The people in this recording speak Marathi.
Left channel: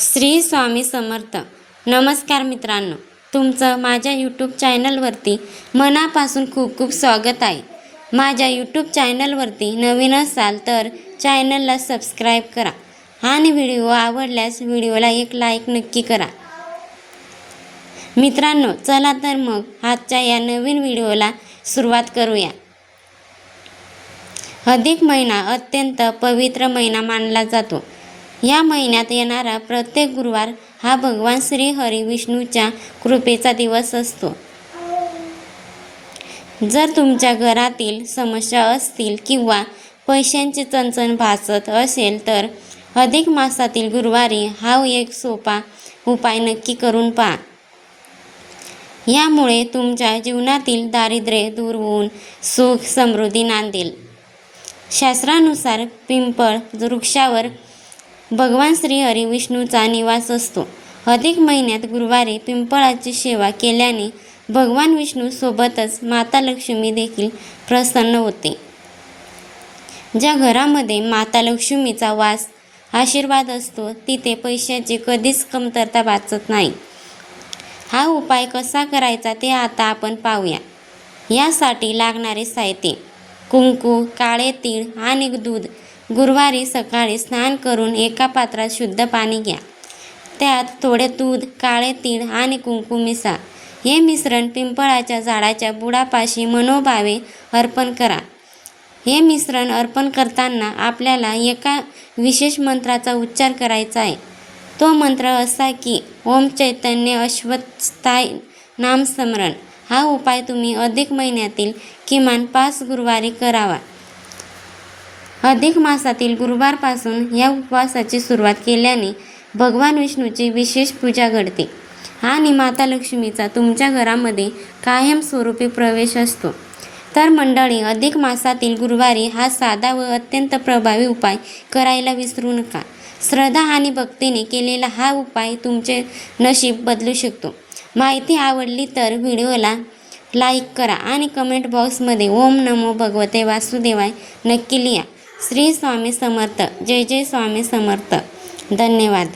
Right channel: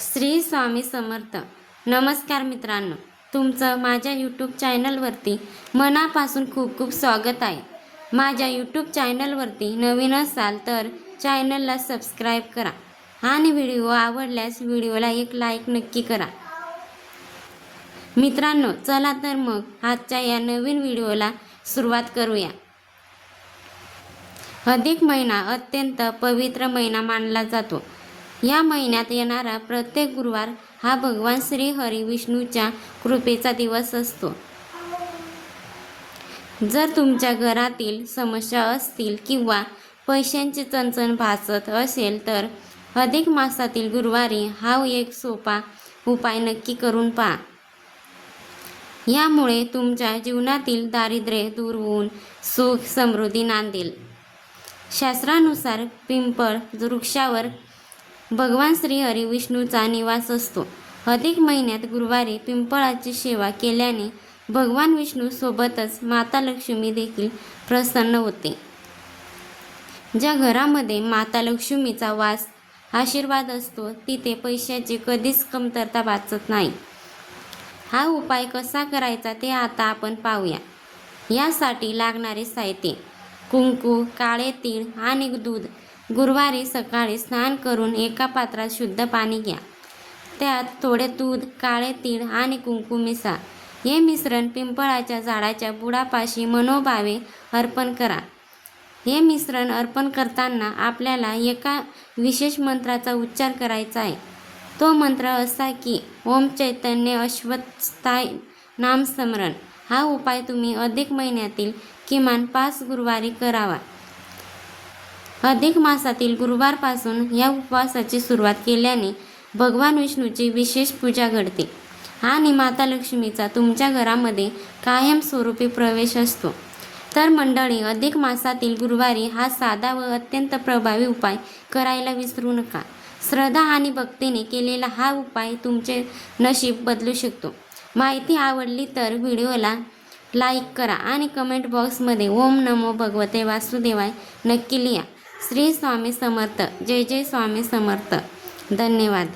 श्री स्वामी समर्थ. नमस्कार मित्रांनो, तुमचं माझ्या यूट्यूब चॅनलवरती मनापासून खूप खूप स्वागत आहे. माझ्या यूट्यूब चॅनलवरती नवीन असाल तर चॅनलला सबस्क्राईब करा आणि व्हिडिओ आवडल्यास व्हिडिओला एक लाईक नक्की करा. मित्रांनो, चला तर मग आजच्या या नवीन व्हिडिओला सुरुवात करूया. अधिक महिना अत्यंत पवित्र महिना मानला जातो. या महिन्यात येणारा प्रत्येक गुरुवार हा भगवान श्री हरी विष्णूच्या कृपेचा दिवस असतो. जर तुमच्या घरातील समस्या असतील किंवा पैशांची चणचण भासत असेल तर अधिक मासातील गुरुवारी हा एक सोपा उपाय नक्की करून पहा. यामुळे तुमच्या जीवनातील दारिद्र्य दूर होऊन सुख समृद्धी नांदेल. शास्त्रानुसार पिंपळ वृक्षावर भगवान श्री हरी विष्णूचा निवास असतो. अधिक महिन्यात गुरुवारी पिंपळाची सेवा केल्याने भगवान विष्णू सोबतच माता लक्ष्मी देखील प्रसन्न होते. ज्या घरामध्ये माता लक्ष्मीचा वास आशीर्वाद असतो तिथे पैशाची कधीच कमतरता भासत नाही. हा उपाय कसा करायचा ते आता आपण पाहूया. यासाठी लागणारे साहित्य: कुंकू, काळे तीळ आणि दूध. गुरुवारी सकाळी स्नान करून एका पात्रात शुद्ध पाणी घ्या. त्यात थोडे दूध, काळे तीळ आणि कुंकू मिसळा. हे मिश्रण पिंपळाच्या झाडाच्या बुडापाशी मनोभावे अर्पण करा. हे मिश्रण अर्पण करताना आपल्याला एका विशेष मंत्राचा उच्चार करायचा आहे. तो मंत्र असा की ओम चैतन्य अश्वत्थाय नामस्मरण. हा उपाय तुम्ही अधिक महिन्यातील किमान 5 गुरुवारी करावा. अधिक मासातील गुरुवारपासून या उपवासाची सुरुवात केल्याने भगवान विष्णूची विशेष पूजा घडते आणि माता लक्ष्मीचा तुमच्या घरामध्ये कायमस्वरूपी प्रवेश असतो. तर मंडळी, अधिक मासातील गुरुवारी हा साधा व अत्यंत प्रभावी उपाय करायला विसरू नका. श्रद्धा आणि भक्तीने केलेला हा उपाय तुमचे नशीब बदलू शकतो. माहिती आवडली तर व्हिडिओला लाईक करा आणि कमेंट बॉक्समध्ये ओम नमो भगवते वासुदेवाय नक्की लिहा. श्री स्वामी समर्थ. जय जय स्वामी समर्थ. धन्यवाद.